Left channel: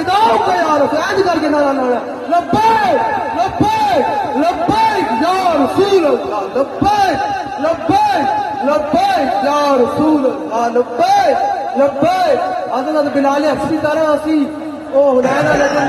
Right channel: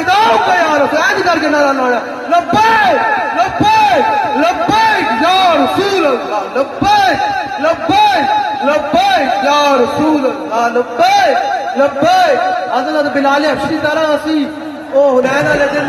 फिदाऊका या रसूल, ऐसे करके नारा लगाया, लब्बैक लब्बैक लब्बैक या रसूल अल्लाह, लब्बैक लब्बैक लब्बैक या रसूल अल्लाह, लब्बैक लब्बैक। हज़रत बिलाल हबशी तरह असी ओ हुनैन वाले दिन